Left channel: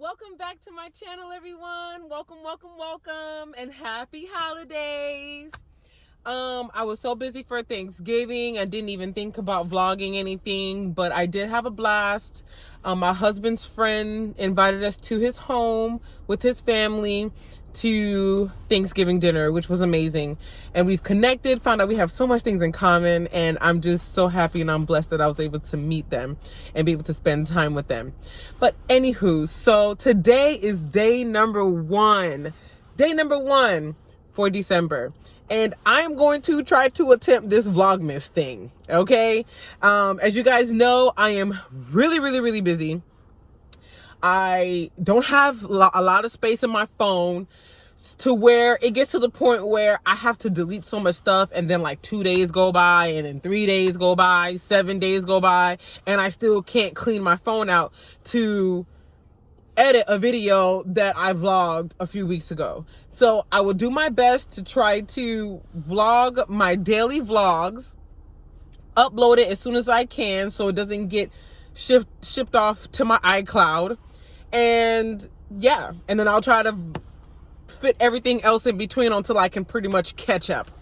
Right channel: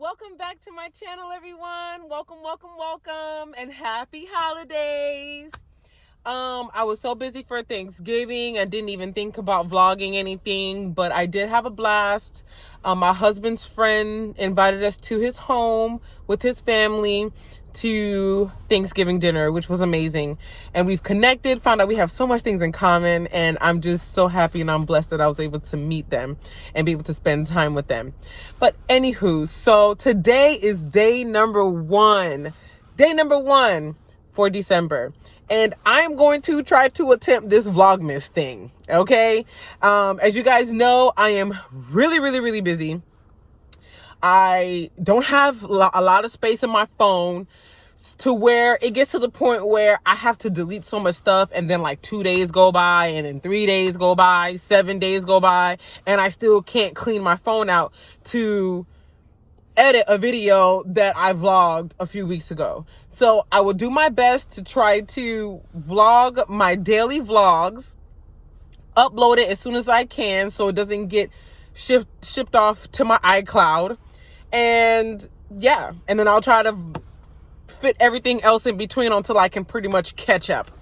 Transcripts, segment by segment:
Welcome back to my channel, everyone. Welcome, and happy holidays. I was so busy for Thanksgiving, I didn't even think about vlogging anything, but I did have a blast. My husband's friend invited us to his home with his family to Thanksgiving dinner, which was amazing. And we've connected, found out we have so much things in common, and I'm just so happy and I'm blessed that I was able to meet them and be able to spend time with them. But anywho, so today is day number one for December. And I'm going to try to attempt this Vlogmas thing, okay? As you guys know, I am really busy. I don't have a lot of space in my phone to where it gets to the point where I have to delete so much stuff, and then like 2 days go by, and then 3 days go by, 7 days go by, and I still can't clean my phone out to edit a video that I vlogged a few weeks ago. So I will do my best to try to vlog my daily vlogs, upload it as soon as I can so it doesn't get shipped off to my iCloud. And yeah, and then I'll try to fit everything else in between until I can pretty much catch up.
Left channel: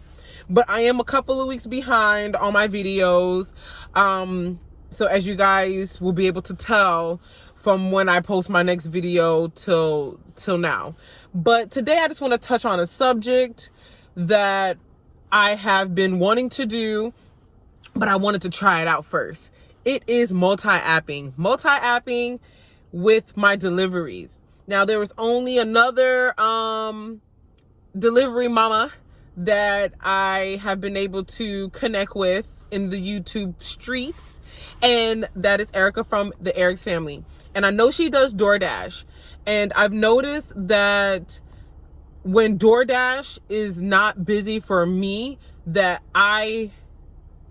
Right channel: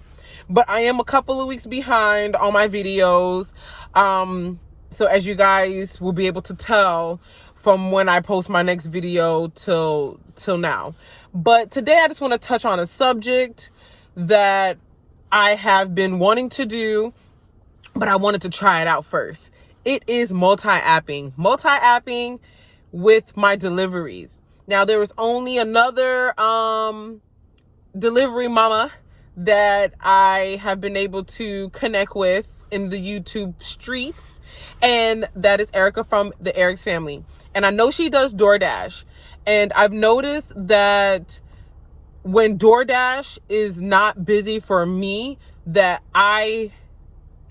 But I am a couple of weeks behind on my videos. So as you guys will be able to tell from when I post my next video till now. But today I just want to touch on a subject that I have been wanting to do, but I wanted to try it out first. It is multi-apping with my deliveries. Now, there was only another delivery mama that I have been able to connect with in the YouTube streets, and that is Erica from the Eric's family. And I know she does DoorDash, and I've noticed that when DoorDash is not busy for me, that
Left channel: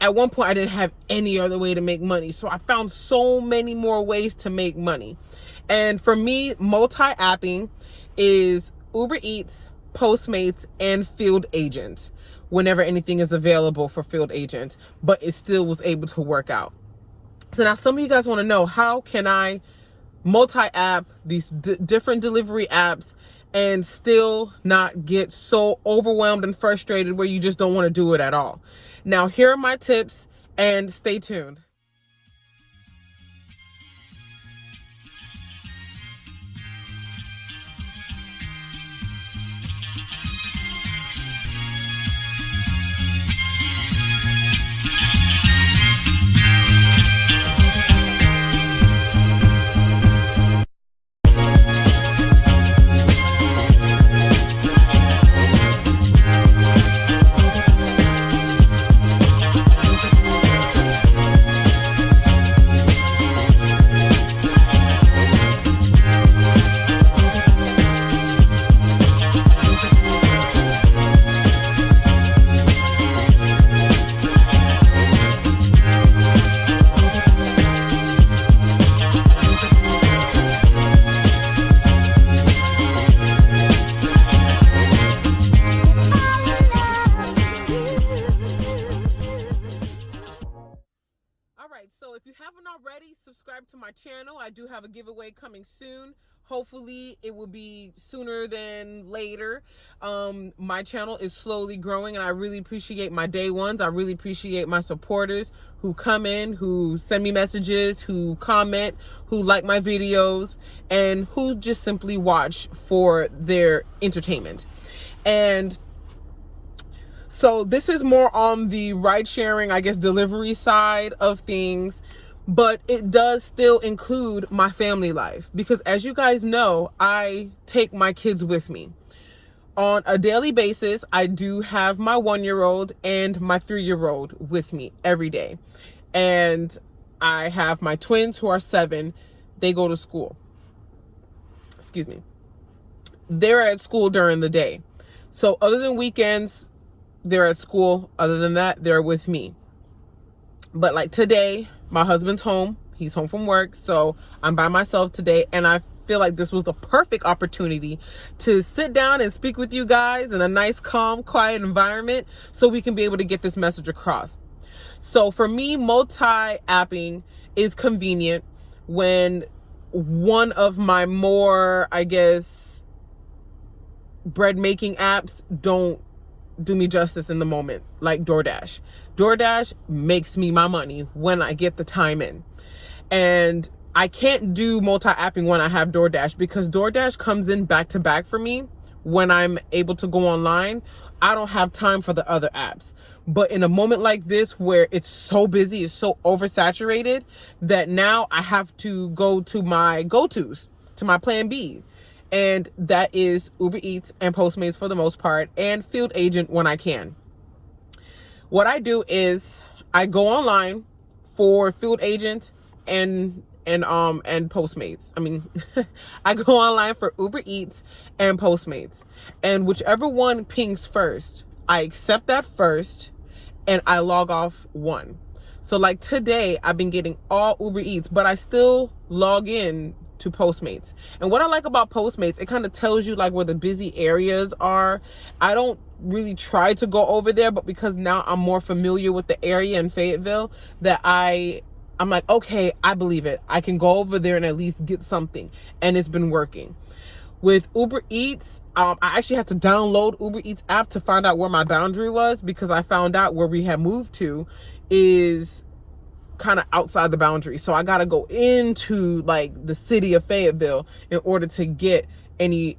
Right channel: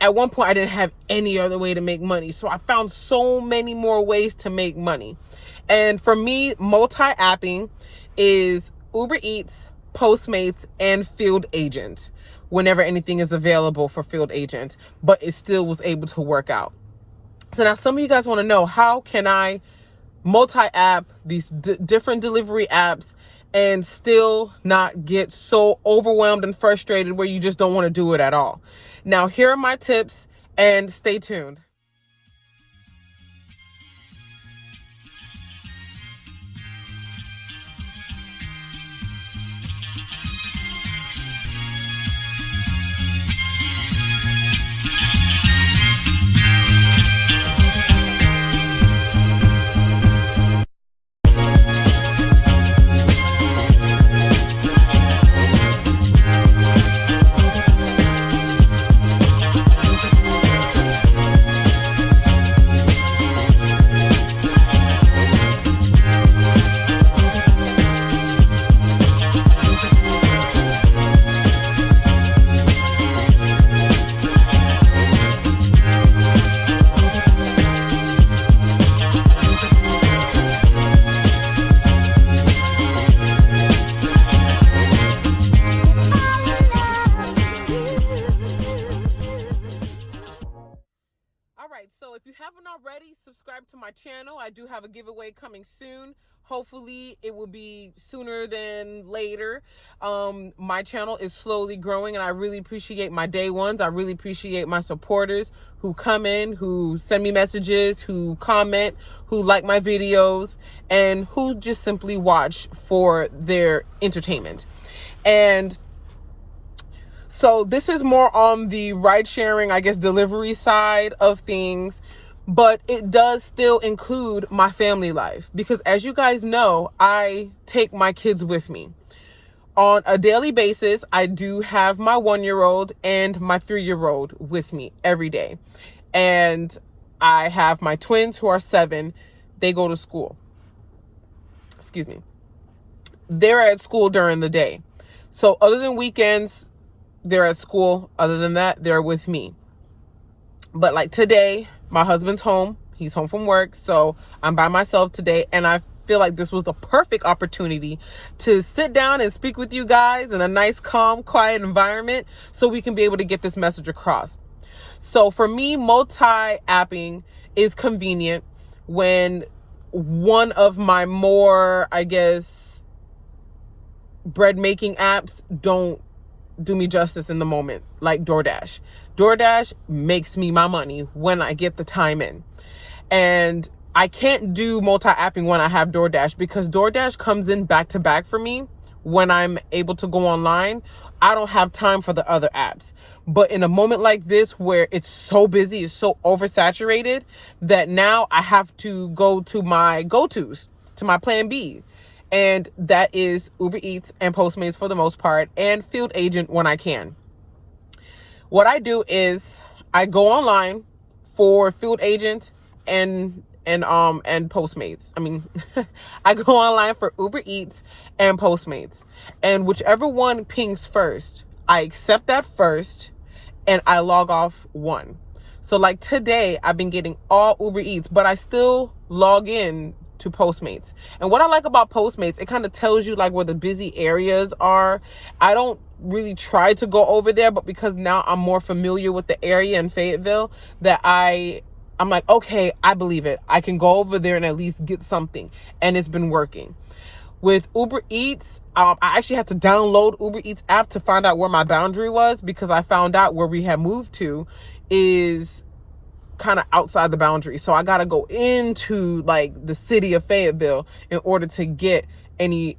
at one point I didn't have any other way to make money. So I found so many more ways to make money. And for me, multi-apping is Uber Eats, Postmates, and Field Agent whenever anything is available for Field Agent, but it still was able to work out. So now some of you guys want to know, how can I multi-app these different delivery apps and still not get so overwhelmed and frustrated where you just don't want to do it at all? Now, here are my tips, and stay tuned. So if you haven't already, subscribe to my channel. I do have a giveaway coming soon. Hopefully it will be sooner than later. My channel is slowly growing, and I really appreciate my day ones. I really appreciate my supporters who come in, who send me messages, who comment, who like my videos, and who just simply watch for their entertainment. And so this is more on the ride sharing, I guess, delivery side of things, but it does still include my family life, because as you guys know, I take my kids with me. On a daily basis, I do have my 1-year-old and my 3-year-old with me every day. And I have my twins who are 7. They go to school. Excuse me. They're at school during the day. So other than weekends, they're at school. Other than that, they're with me. But like today, my husband's home. He's home from work. So I'm by myself today. And I feel like this was the perfect opportunity to sit down and speak with you guys in a nice, calm, quiet environment so we can be able to get this message across. So for me, multi-apping is convenient when one of my more, I guess, bread making apps don't do me justice in the moment, like DoorDash. DoorDash makes me my money when I get the time in. And I can't do multi-apping when I have DoorDash, because DoorDash comes in back to back for me when I'm able to go online. I don't have time for the other apps. But in a moment like this where it's so busy, it's so oversaturated, that now I have to go to my go-tos, to my plan B. And that is Uber Eats and Postmates for the most part, and Field Agent when I can. What I do is I go online for Field Agent and Postmates. I mean, I go online for Uber Eats and Postmates, and whichever one pings first, I accept that first, and I log off one. So like today, I've been getting all Uber Eats, but I still log in to Postmates. And what I like about Postmates, it kind of tells you like where the busy areas are. I don't really try to go over there, but because now I'm more familiar with the area in Fayetteville, that I'm like, okay, I believe it. I can go over there and at least get something. And it's been working. With Uber Eats, I actually had to download Uber Eats app to find out where my boundary was, because I found out where we had moved to is kind of outside the boundary. So I got to go into like the city of Fayetteville in order to get any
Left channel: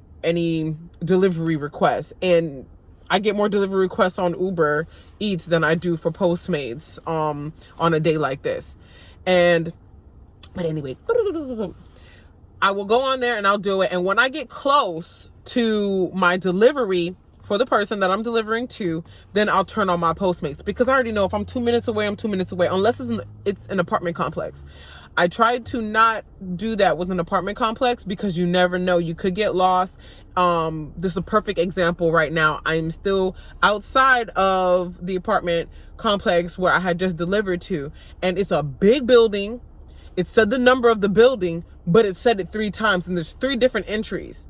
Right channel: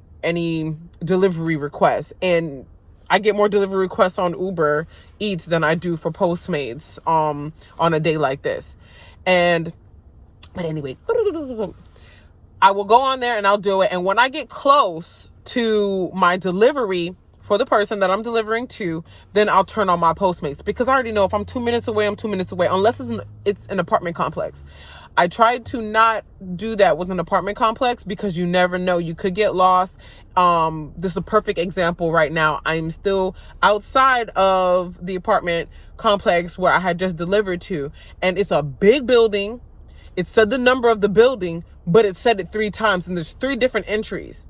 delivery requests. And I get more delivery requests on Uber Eats than I do for Postmates on a day like this. But anyway, I will go on there and I'll do it. And when I get close to my delivery for the person that I'm delivering to, then I'll turn on my Postmates, because I already know if I'm 2 minutes away, I'm 2 minutes away, unless it's an apartment complex. I tried to not do that with an apartment complex, because you never know, you could get lost. This is a perfect example right now. I'm still outside of the apartment complex where I had just delivered to, and it's a big building. It said the number of the building, but it said it 3 times, and there's 3 different entries.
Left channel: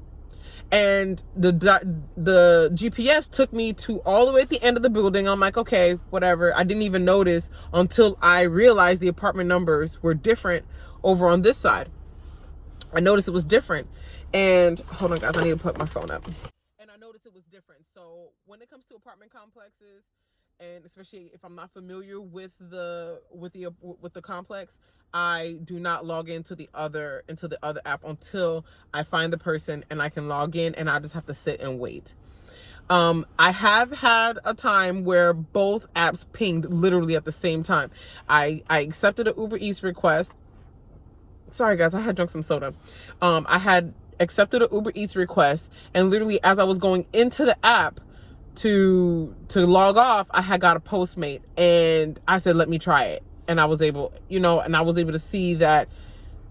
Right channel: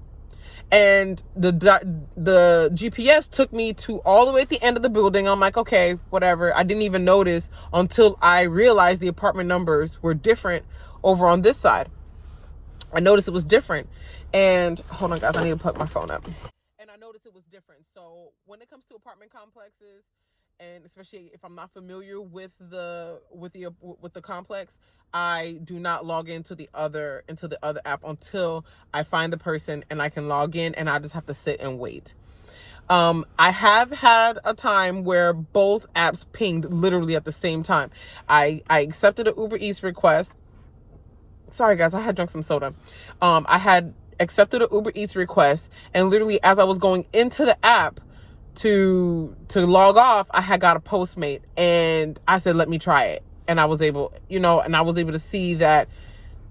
And the GPS took me to all the way at the end of the building. I'm like, okay, whatever. I didn't even notice until I realized the apartment numbers were different over on this side. I noticed it was different. And hold on, guys, I need to plug my phone up. And I noticed it was different. So when it comes to apartment complexes, and especially if I'm not familiar with the complex, I do not log into the other app until I find the person and I can log in, and I just have to sit and wait. I have had a time where both apps pinged literally at the same time. I accepted an Uber Eats request. Sorry guys, I had drunk some soda. I had accepted an Uber Eats request, and literally as I was going into the app to log off, I had got a Postmate, and I said, let me try it. And I was able, to see that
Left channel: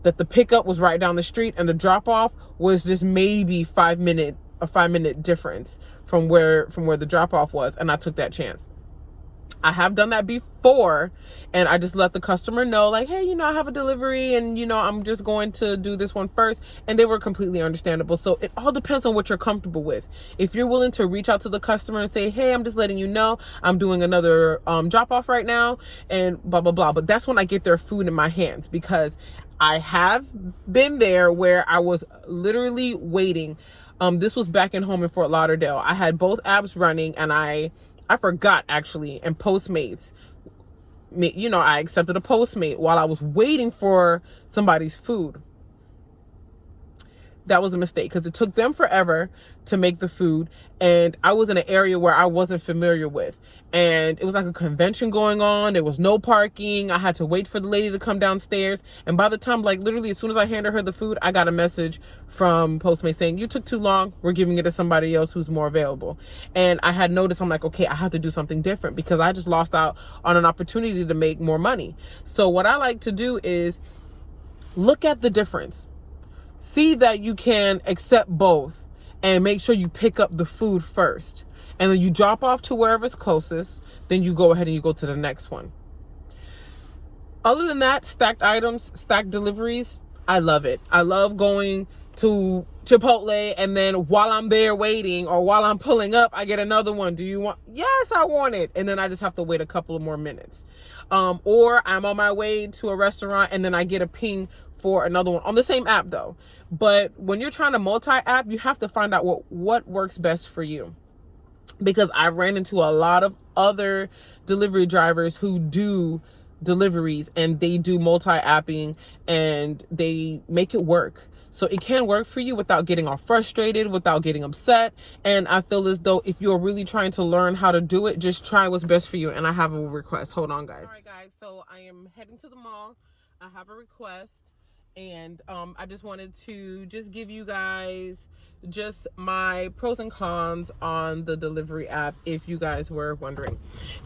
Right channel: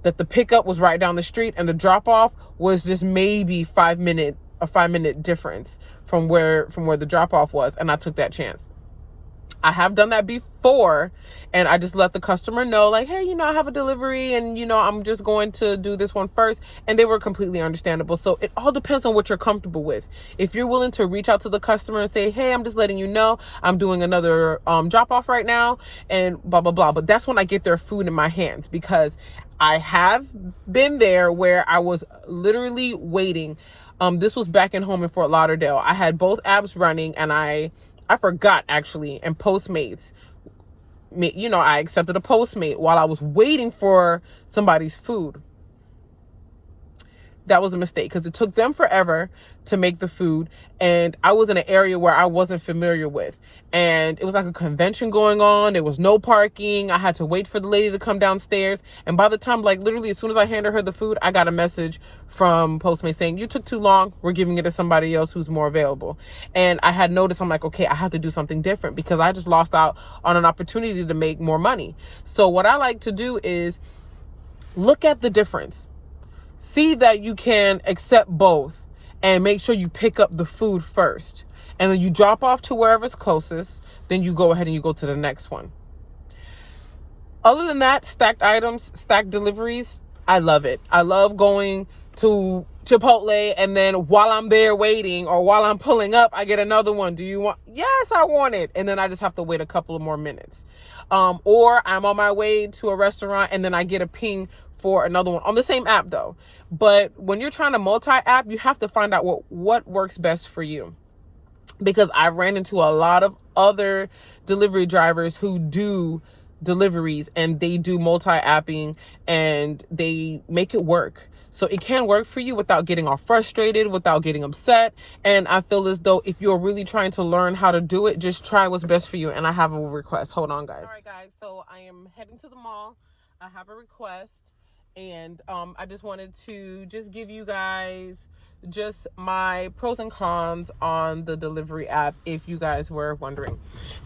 the pickup was right down the street, and the drop off was just maybe a 5 minute difference from where the drop off was. And I took that chance. I have done that before, and I just let the customer know, like, hey, I have a delivery, and, I'm just going to do this one first. And they were completely understandable. So it all depends on what you're comfortable with. If you're willing to reach out to the customer and say, hey, I'm just letting you know I'm doing another drop off right now, and blah, blah, blah. But that's when I get their food in my hands, because I have been there where I was literally waiting. This was back in home in Fort Lauderdale. I had both apps running, and I forgot actually, and Postmates, I accepted a Postmate while I was waiting for somebody's food. That was a mistake, because it took them forever to make the food, and I was in an area where I wasn't familiar with, and it was like a convention going on. There was no parking. I had to wait for the lady to come downstairs, and by the time, like literally as soon as I handed her the food, I got a message from Postmates saying, you took too long, we're giving it to somebody else who's more available. And I had noticed, I'm like, okay, I have to do something different, because I just lost out on an opportunity to make more money. So what I like to do is look at the difference. See that you can accept both, and make sure you pick up the food first. And then you drop off to wherever's closest. Then you go ahead and you go to the next one. Other than that, stacked items, stacked deliveries, I love it. I love going to Chipotle, and then while I'm there waiting, or while I'm pulling up, I get another one. Do you want? Yes, I want it. And then I just have to wait a couple of more minutes. Or I'm on my way to a restaurant, and then I get a ping for another one on the same app though. But when you're trying to multi-app, you have to find out what works best for you. Because I ran into a lot of other delivery drivers who do deliveries and they do multi-apping and they make it work. So it can work for you without getting all frustrated, without getting upset. And I feel as though if you're really trying to learn how to do it, just try what's best for you. And I have a request. Hold on, guys. All right, guys. So I am heading to the mall. I have a request. And I just wanted to just give you guys just my pros and cons on the delivery app, if you guys were wondering.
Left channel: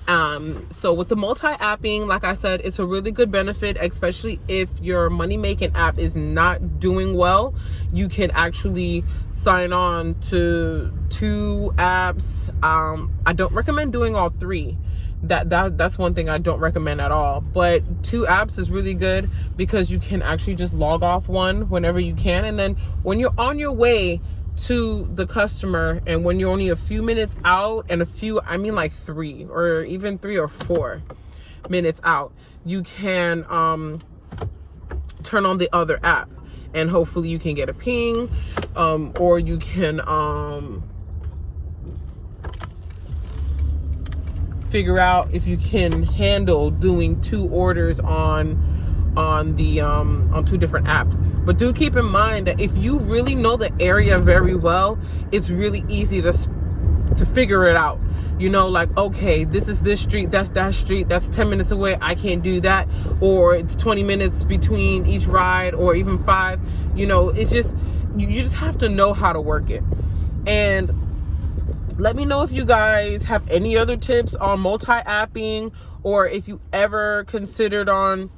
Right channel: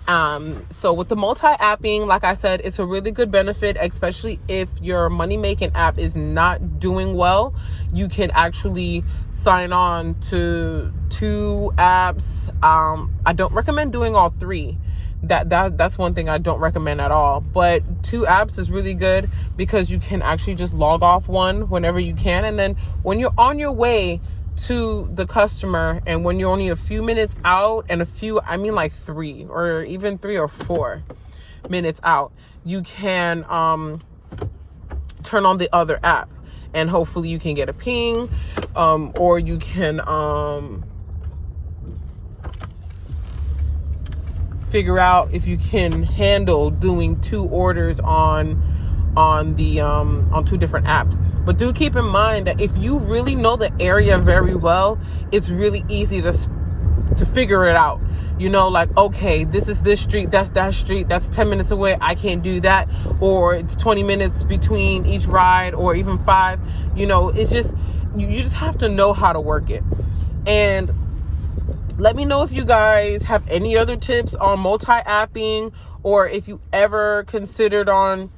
So with the multi-apping, like I said, it's a really good benefit, especially if your money-making app is not doing well. You can actually sign on to 2 apps. I don't recommend doing all 3. That's one thing I don't recommend at all. But 2 apps is really good because you can actually just log off one whenever you can. And then when you're on your way to the customer and when you're only a few minutes out, and I mean like 3 or even 3 or 4 minutes out, you can turn on the other app and hopefully you can get a ping, or you can figure out if you can handle doing 2 orders on 2 different apps. But do keep in mind that if you really know the area very well, it's really easy to figure it out. You know, like, okay, this is this street, that's that street, that's 10 minutes away, I can't do that, or it's 20 minutes between each ride, or even 5. You know, it's just, you just have to know how to work it. And let me know if you guys have any other tips on multi-apping, or if you ever considered on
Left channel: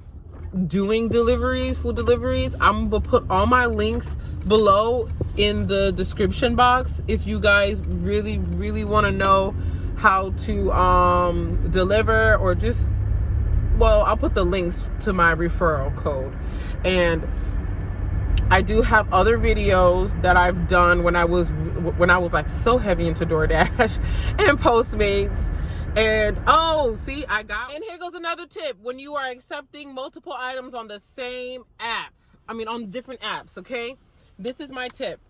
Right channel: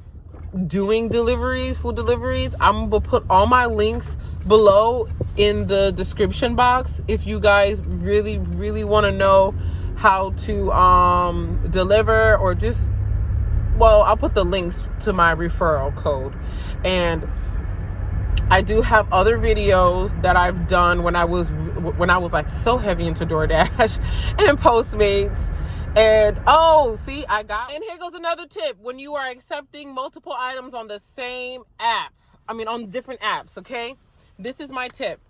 doing deliveries, food deliveries. I'm gonna put all my links below in the description box if you guys really want to know how to deliver, or just, well, I'll put the links to my referral code. And I do have other videos that I've done when I was like so heavy into DoorDash and Postmates. And and here goes another tip. When you are accepting multiple items on the same app, on different apps, okay? This is my tip.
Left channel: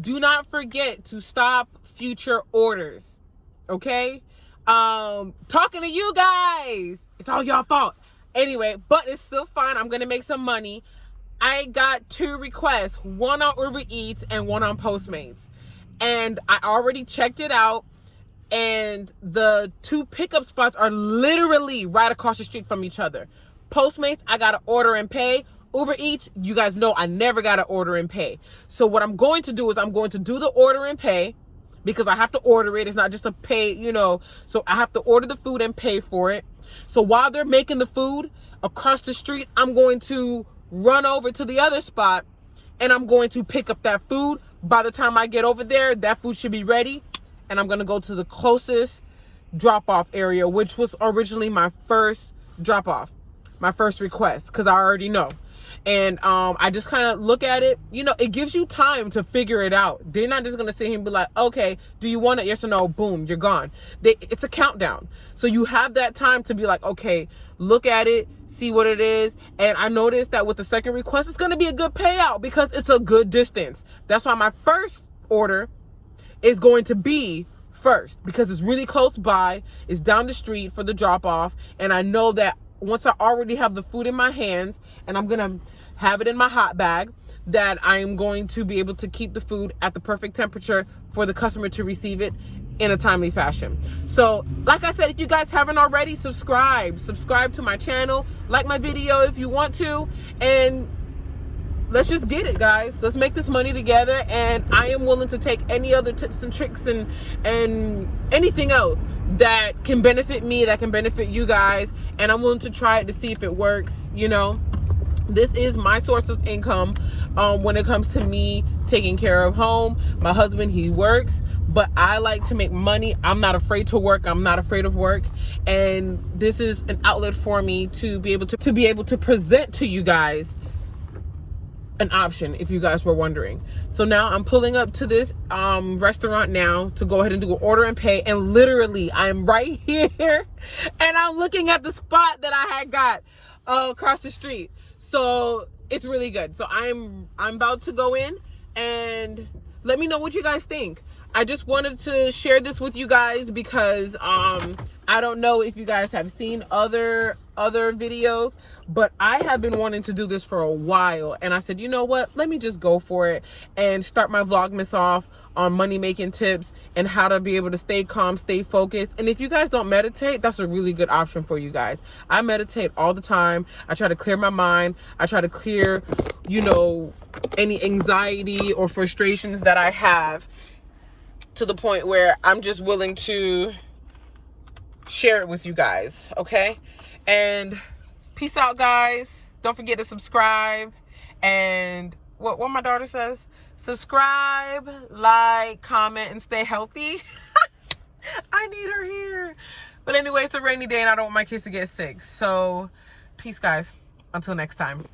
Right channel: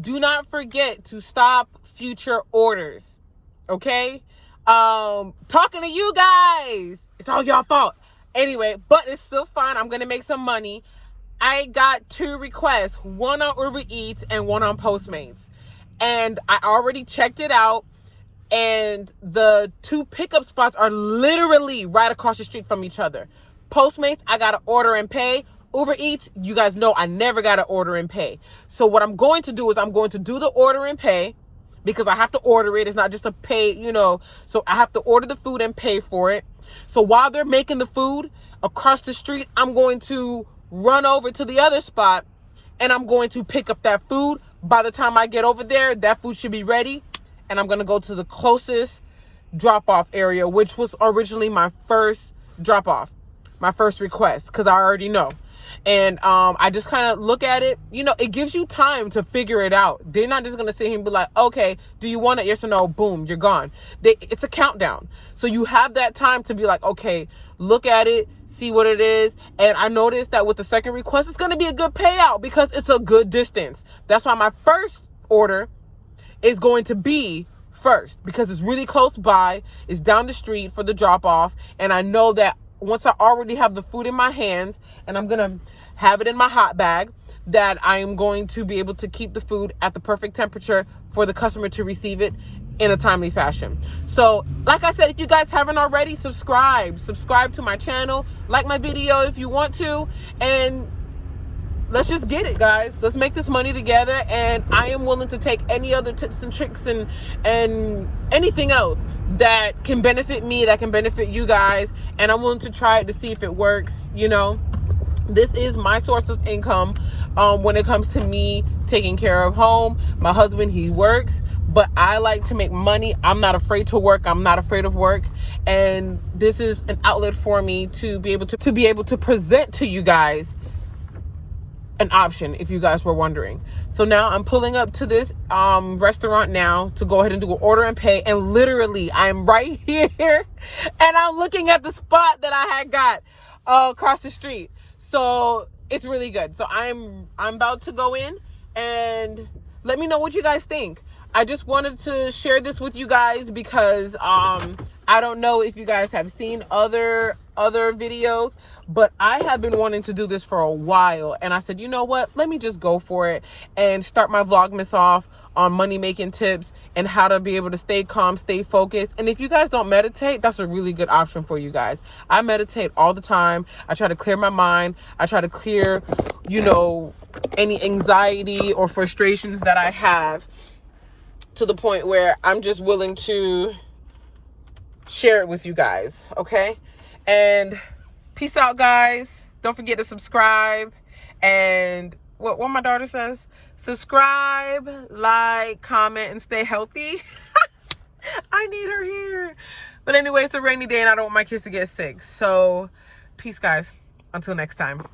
Do not forget to stop future orders, okay? Talking to you guys, it's all your fault. Anyway, but it's still fine. I'm gonna make some money. I got 2 requests, one on Uber Eats and one on Postmates. And I already checked it out. And the 2 pickup spots are literally right across the street from each other. Postmates, I got to order and pay. Uber Eats, you guys know I never got to order and pay. So what I'm going to do is I'm going to do the order and pay, because I have to order it. It's not just a pay, so I have to order the food and pay for it. So while they're making the food across the street, I'm going to run over to the other spot and I'm going to pick up that food. By the time I get over there, that food should be ready. And I'm going to go to the closest drop-off area, which was originally my first drop-off, my first request, because I already know. And I just kind of look at it. It gives you time to figure it out. They're not just going to sit here and be like, okay, do you want it? Yes or no? Boom, you're gone. It's a countdown. So you have that time to be like, okay, look at it, see what it is. And I noticed that with the second request, it's going to be a good payout because it's a good distance. That's why my first order is going to be first, because it's really close by. It's down the street for the drop off. And I know that once I already have the food in my hands and I'm going to have it in my hot bag, that I am going to be able to keep the food at the perfect temperature for the customer to receive it in a timely fashion. So like I said, if you guys haven't already, subscribe to my channel, like my video if you want to, and let's just get it, guys. Let's make this money together. And I am willing to take any other tips and tricks and anything else that can benefit me, that can benefit you guys. And I'm willing to try it to see if it works. This is my source of income when it comes to me taking care of home. My husband, he works, but I like to make money. I'm not afraid to work. I'm not afraid of work. And this is an outlet for me to be able to present to you guys an option, if you guys were wondering. So now I'm pulling up to this restaurant now to go ahead and do an order and pay, and literally I'm right here and I'm looking at the spot that I had got across the street. So it's really good. So I'm about to go in and let me know what you guys think. I just wanted to share this with you guys because I don't know if you guys have seen other videos, but I have been wanting to do this for a while, and I said, you know what, let me just go for it and start my Vlogmas off on money making tips and how to be able to stay calm, stay focused. And if you guys don't meditate, that's a really good option for you guys. I meditate all the time. I try to clear my mind. I try to clear, you know, any anxiety or frustrations that I have, to the point where I'm just willing to share it with you guys, okay? And peace out, guys. Don't forget to subscribe. And what my daughter says, subscribe, like, comment, and stay healthy. I need her here. But anyway, it's a rainy day and I don't want my kids to get sick. So peace, guys. Until next time.